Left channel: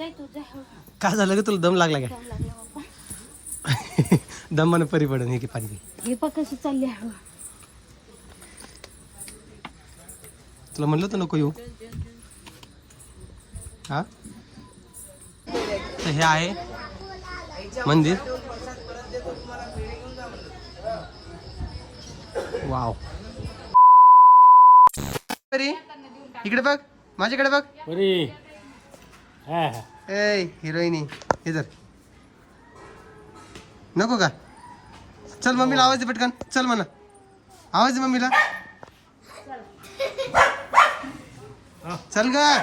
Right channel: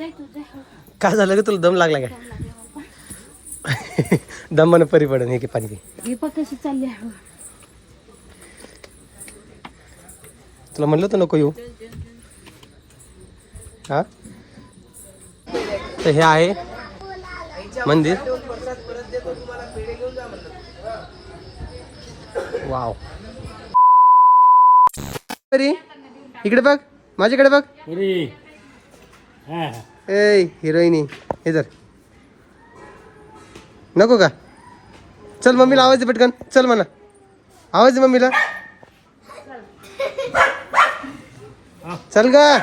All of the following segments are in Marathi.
हो. काय झालं का तुला? दम लागला का? दम लागला मला. दमानं परी पडन हे की पाणी. हे कशी चालली आहे. हो. तुला म्हणलं तर नको येऊ? हा? तर हे आहे मंदिर. वाव. इकडे बघ. माझ्याकडे बघ. ए हिरोईनी हे जर नको का? चल मम्मीला आवाज दे पटकन. चल म्हणा. आवाज दे मम्मीला. चल का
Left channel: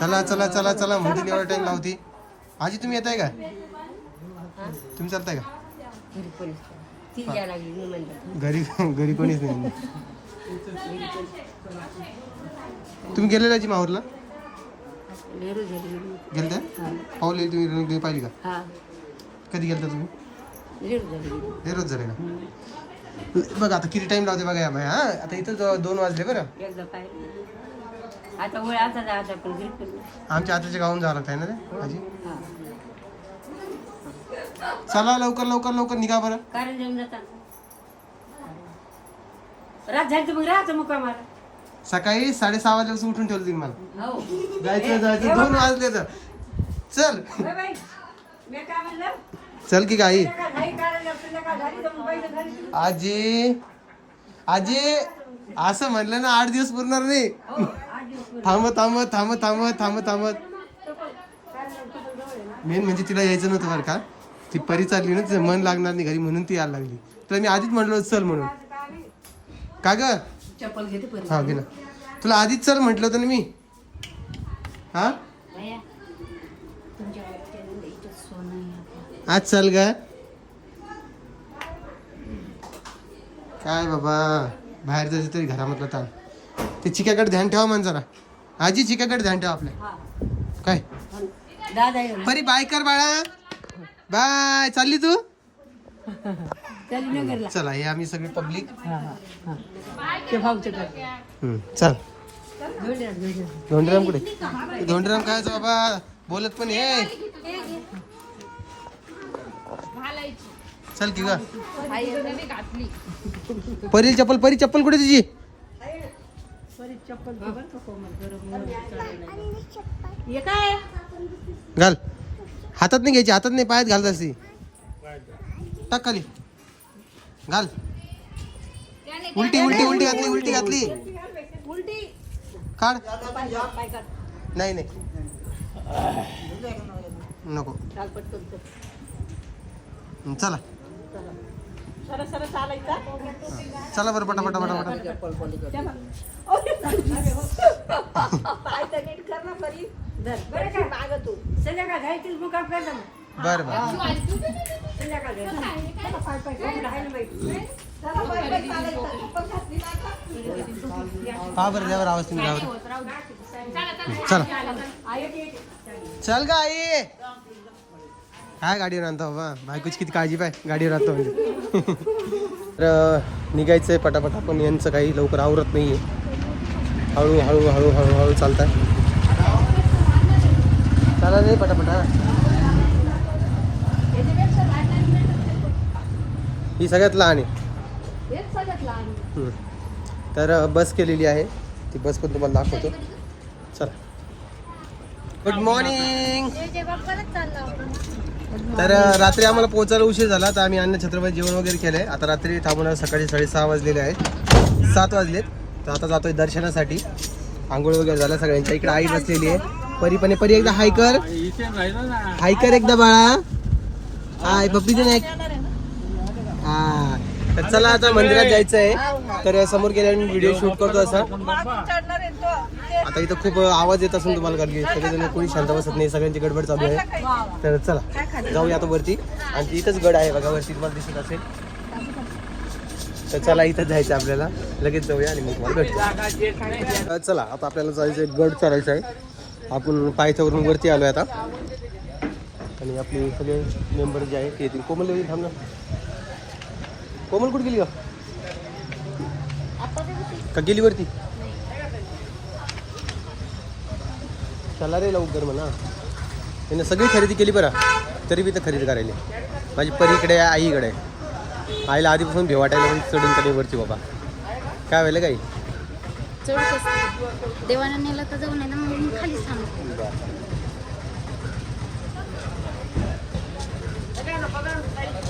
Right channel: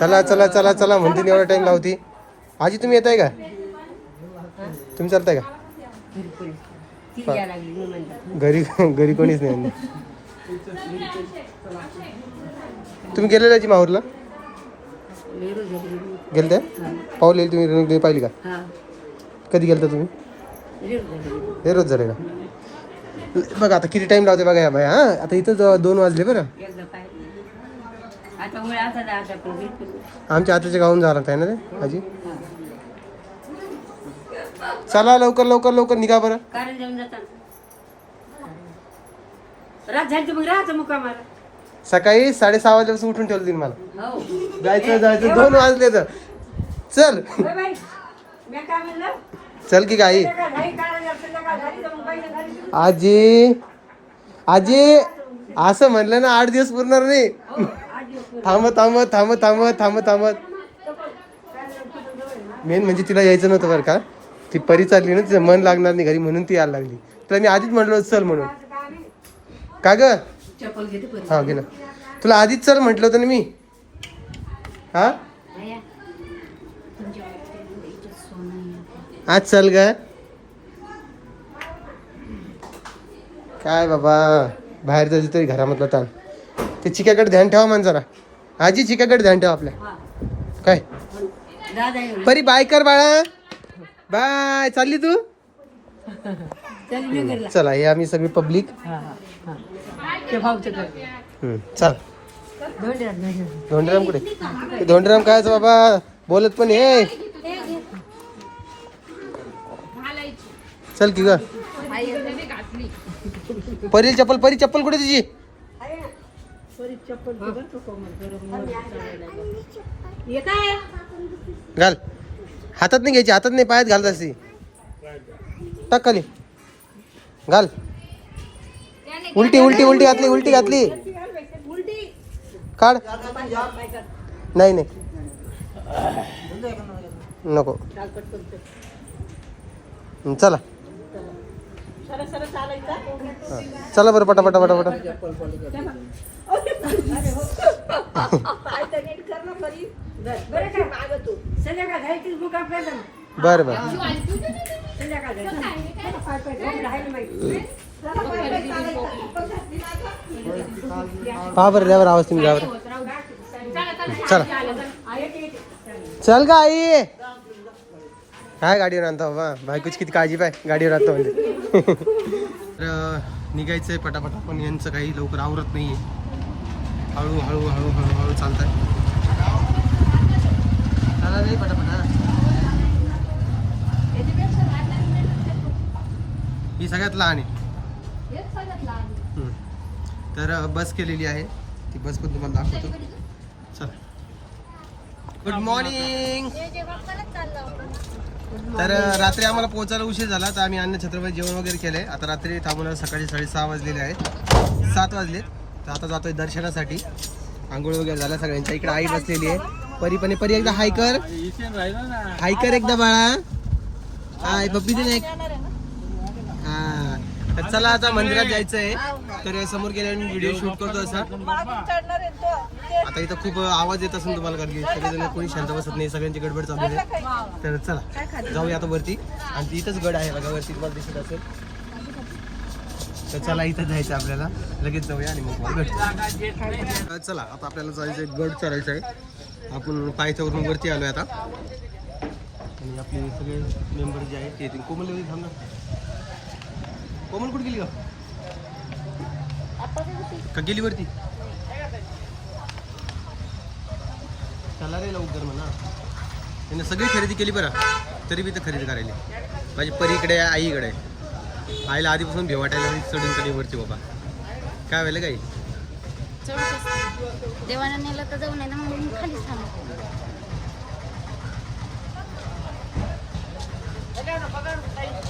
चला चला चला चला म्हणते एवढा टाइम लावती. आजी तुम्ही येताय का? तुम्ही चालताय का? घरी घरी कोणीच नाही. तुम्ही गेलेला जी माहूरला गेलते? पाहुले तुम्ही रेणुका पाहिली का? कधी गेलता तुम्ही? हे रोज झाले का बघा आता किती टाइम लावते बघा या बाई हा? आता इथं दोन वाजले बरं. आमच्या आताच्या गावून झाला आहे ना रे आजी? चला लवकर लवकर लवकर निघा बरं. रात झाली मग राहायचं मुक्कामाला सकाळी साडेसहा वाजल्यापासून उठून ठेवलं तिने मला. हो जायचं जायचं. दोन वाजले तर. चल. म्हणलं? चल की तर घरी आजी. आजी असं म्हणलं ना आठ दिवस पुरणार नाही. थांबत थांबत थांबत थांबत थांबत थांबत मेन म्हणजे तिला यायचं नव्हतं बरं का. ती परी चालली ना तिचं मन लागणार नाही घरी म्हणून ती यायला लागली. तुला मी आधीच म्हटलं होतं चल म्हणून. का ग? चप्पल घेते परत हा गेला तुला आधीच चल म्हटलं होतं ना मी. हा? आया, तुमच्या वाटतं इथं सोनं आहे. आज चल ग. काय बाबा बाहेर जायचं तरी घरामधलं ताण. ते चिक्याकडे ध्यान ठेवा मान जरा. आजी चिक्याकडे ध्यान ठेवा आपल्या. काय? दादा परी बाय कर बाळा. बाय. चालली तू? चल हे आम्ही सगळी पब्लिक चल. धोंडराम कुठे? धोंडराम काय बाबा? बोलत पण ये. चल की ग. परील चप्पल परी चप्पल कुठे तुझी. हे. घाल. हातात नाही घ्यायची हातात नाही पायात घालत असती. टाक खाली. घाल. उलटी उलटी उलटी घातली उलटी घातली. काढ. नाही नाही. नको. चला. चला बरं पटा पटा पटा पटा. बरं बर बर. बरं बरं पहा बरं द्यावर आवाज तुम्ही द्यावर चला. चल का आई. काय गाडीवर आणता बाबा? बायकोची किती काळजी पाय गाडीवर आणतो म्हणजे. तर निघायचं आहे पटापट पण यांचं काही लवकर आवरत नाही आहे हळू हळू हळू हळू हळू आहे चाला नाही पटापटा ही सगळ्यात लहान आहे. तर बस केलेली आहे. ती बस पण तुम्हाला दाखवतो. चला. गुड मॉर्निंग तर रात्री आम्हाला पोहोचायला उशीर झाला. तर आम्ही अन्न छत्रपती जेवण वगैरे केलंय. आता रात्री थांबून सकाळी साडेसहा वाजलेले आहेत. सात वाजलेत. तर आता जातोय दर्शनासाठी. आंघोळ वगैरे झाल्या सगळ्यांच्या इकडे आई बसलेली आहे. परी पण आहे. परी एकदा हाय कर. हाय कर एकदा बाळा. हाय पप्पी दे ना एक हा. तर चला आता मंदिरात जायचं आहे तर समोर गेल्यावर मी व्हिडिओ शूट करतो असा. आता इथं खूप आवाज येत असेल तुम्हाला कारण की सगळेजण कोणी शांत बसत नाही सगळ्यांची गडबड चालू आहे. तर चला जाऊया आता वरती. आणि इथंच गड आहे बघा वरती तुम्हाला दिसत असेल. तर चला इथं जायचं आपल्याला. लगेच जाऊया आणि मग गड चला आता आपल्याला जायचं गड चढायचं आहे. आपण पायथ्यावरून वरती आलोय आता. आणि आपले सगळे मेंबर जे आहेत ते येतील. कोमल थांबणार थांब कोमल कुठे गेली का? गेली वरती? चला रे लवकर म्हणा. त्याने सगळी खरेदी केली बरं. तरी बी तर खरेदी करायली. माझी परीकडे आहे आईकडे आहे. आईला आधीपासून भेवाटायला चढून कधी वरती बाबा. काय व्हायला काही? देवानं नेलं तर जाऊ मग मी खाली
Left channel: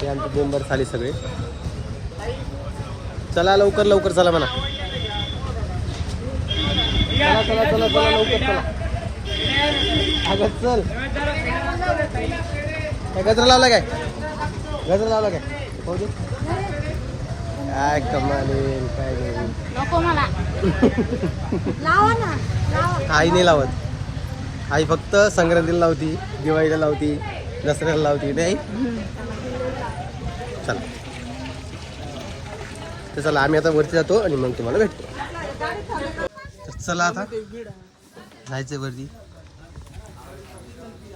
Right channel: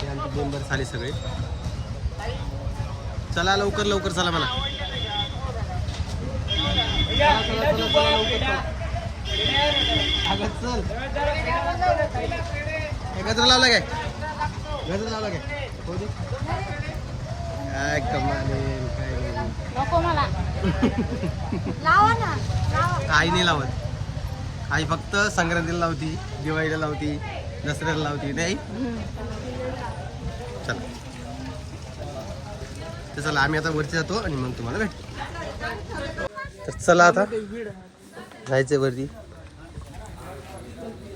हे आमचे मेंबर झाले सगळे. चला लवकर लवकर चला म्हणा. चला चला चला चला लवकर चला. अगं चल. काय गजरा लावला काय? गजरा लावला काय. काय कमाल आहे, काय नाही. आई नाही लावत. आई फक्त संक्रांतीला लावती दिवाळीला लावती दसऱ्याला लावती नाही? तर चला आम्ही आता वरती जातो आणि मग तुम्हाला भेटतो. तर चला आता. जायचंय वरती.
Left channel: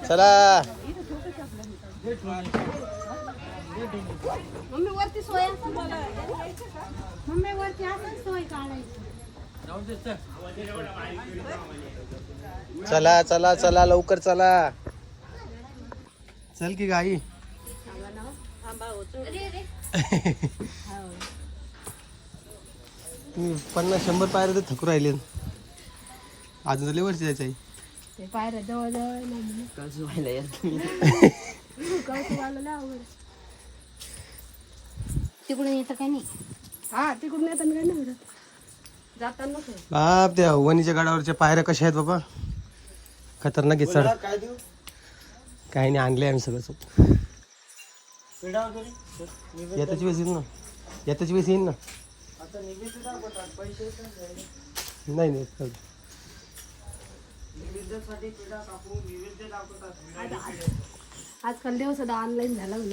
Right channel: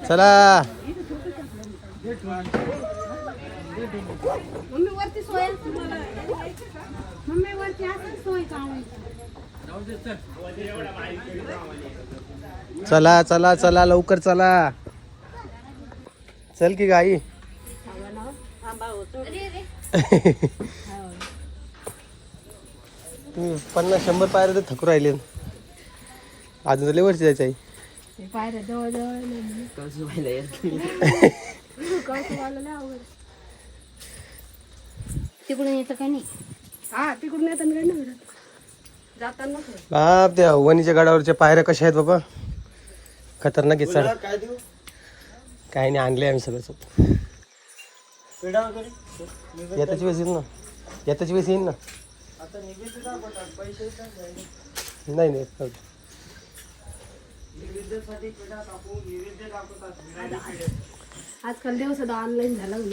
चला. चला चला चला लवकर चला. चल की गाई. तुम्ही पन्नास शंभर पायरे तर थकू राहिले. अजून तर लय वरती जायचं आहे. पायऱ्या जवळ जवळ तिकडून येतं काही नाही? हा तिकडून येताना काय नाही भेटत. जाताना बाप त्या वणीच्या गडावरच्या पायऱ्या कशा आहेत बाबा? खतरनाक आहे सर. काही नाही आणले आम्ही सगळं सगळं येताची वेळेस येईल ना. येताची वेळेस येईल ना. नाही नाही नाही. आजकाल देव सुद्धा ऑनलाईन झाला है?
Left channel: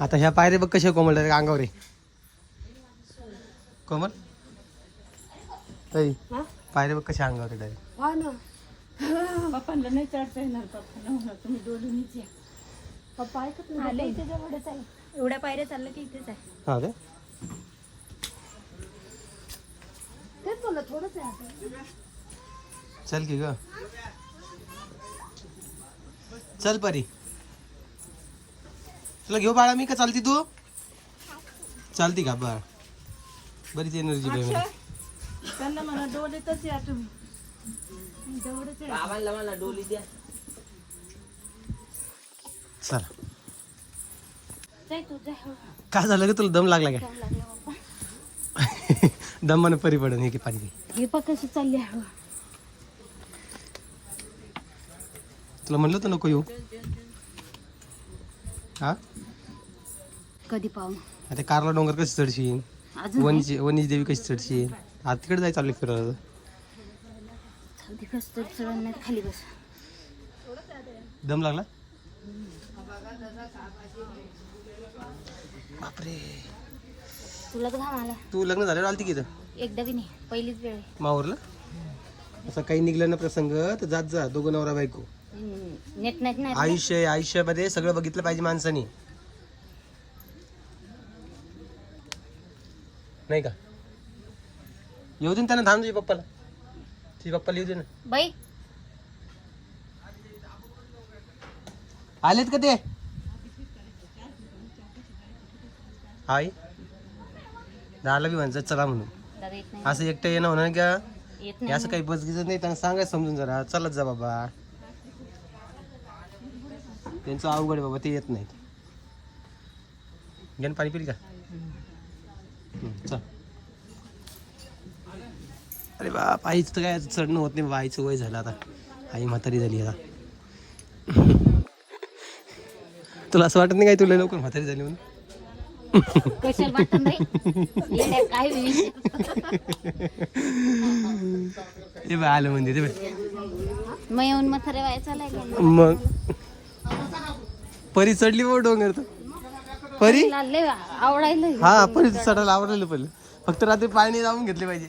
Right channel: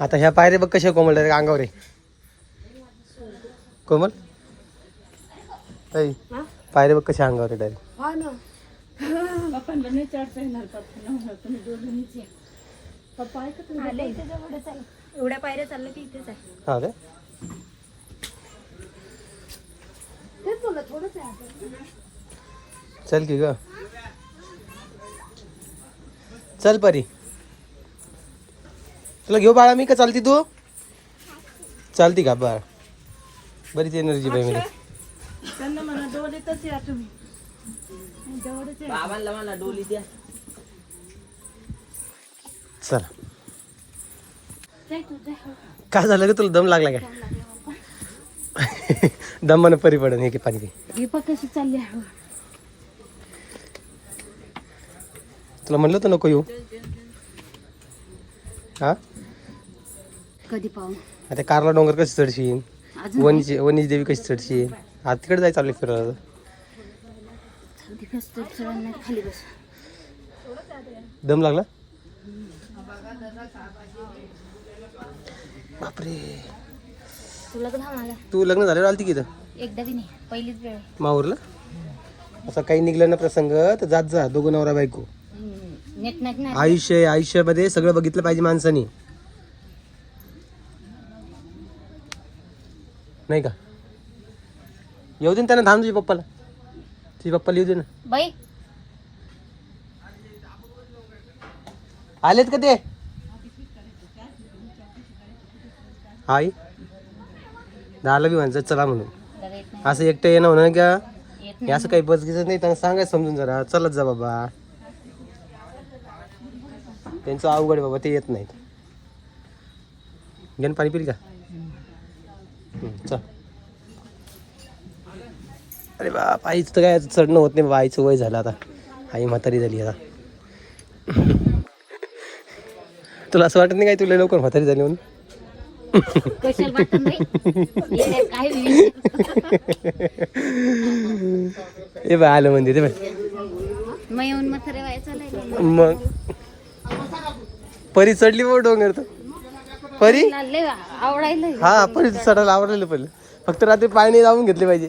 आता ह्या पायरे बघ कशा कोमल अंगावर कोमल? हा? पायरे बघ कशा अंगावर आहे डायरेक्ट हा ना. पप्पांना नाही चढता येणार पप्पा तुम्ही दोघांनीच या. पप्पा ऐकत आले. इथे जवळच आहे. एवढ्या पायऱ्या चाललं की इथेच आहे. हा काय ते तुला थोडंच आहे चल की ग. चल परी. तुला घेऊ बाळा मी का? चालती तू? चालती का? बाळा. बरीच एनर्जी बाई त्यांना म्हणा डोलीतच या तुम्ही. जवळच आहे. चल जाय तू जाय हो. काय झालं ग तुला दम लागला जाऊ लागलं बाबा. का दमानं परी पडन एक पाणी कशी चालली. तुला म्हणलं तर नको येऊ? हा? कधी पाहू? आता कारला डोंगर कशी चढशील अजून वनीची वनीची देवी कशी चढशील आता तिकडे जायचं चाललं फिरायला. दम लागला? बापरे. तुला तर घाम आला. तू लग्न झाल्यावर आलती की इथं? एकदा बी नाही पहिलीच वेळ. आहे. माहूरला? असं काही निघलं ना प्रसंग तर जात जा दोघं नवरा बायको. नीट आयुष्य आहे, आयुष्यामध्ये सगळं बघितलं पाहिजे माणसानी. नाही का? येऊ दे ना त्यांना थांब तुझ्या पप्पाला. तुझ्या पप्पाला येऊ दे ना. बाई आलेत का ते? आई दाला बी म्हणतात चला म्हणून. असं एकटं येणं म्हणून का? हे नाही. असं काही बसगीचं नाही त्यांना सांगायचं समजून जरा. चलत जा बाबा. त्यांचं अवघड आहे बाबा ते येत नाहीत. घेऊन पाणी पिल का? चल. अरे बाप आईचं तर काय चढणं होत नाही बाबा. आईचं वय झालं आता. आई म्हातारी झाली आता. तुला असं वाटत नाही काय तुला लवकर म्हातारी झाली म्हणून. ए बाय आलं म्हणजे ते बाय मग परी चढली बाबा डोंगर तर परी हा परी चढायला आवडलेलं पहिलं फक्त रात्री पाणी लावून घेतले पाहिजे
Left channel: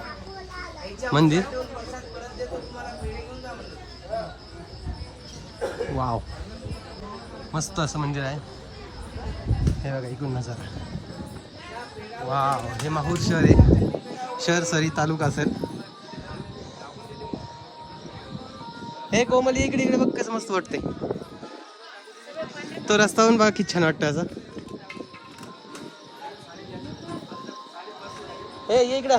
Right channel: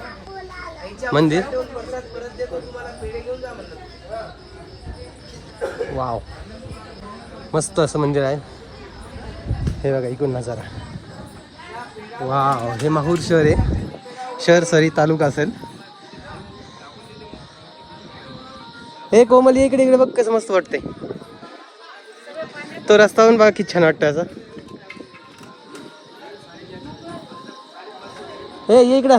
मंदिर? वाव. मस्त असं मंदिर आहे. हे बघा इकडून नजारा. वाव हे माहूर शहर आहे. शहर सरी तालुका असेल. हे कोमल इकडे इकडे बघ कसं मस्त वाटतंय. तो रस्ता पण बघा किती छान वाटतं असं. हे इकडं.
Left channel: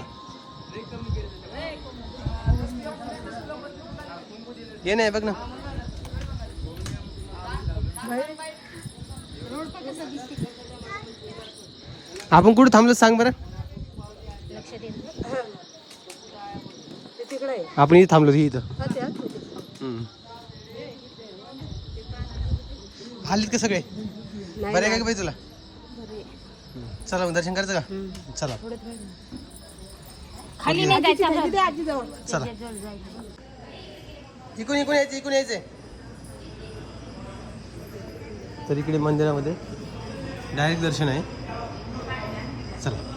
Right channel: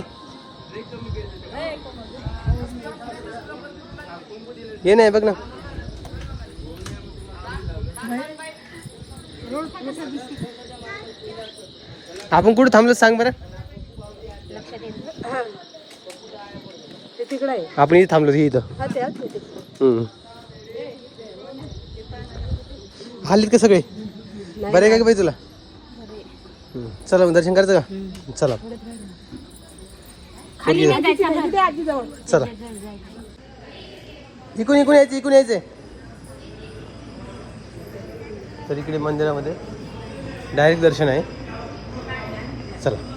ये नाही बघ ना. आपण कुठे थांबलो सांग बरं. आपण इथे थांबलो इथं. हम्म. आलीत का सगळे? बरे का बाई तुला. चला मग दर्शन करायचं का? चला. चला. इकून इकून यायचं इकून यायचंय तर इकडे मंदिरामध्ये डायरेक्ट दर्शन आहे. चला.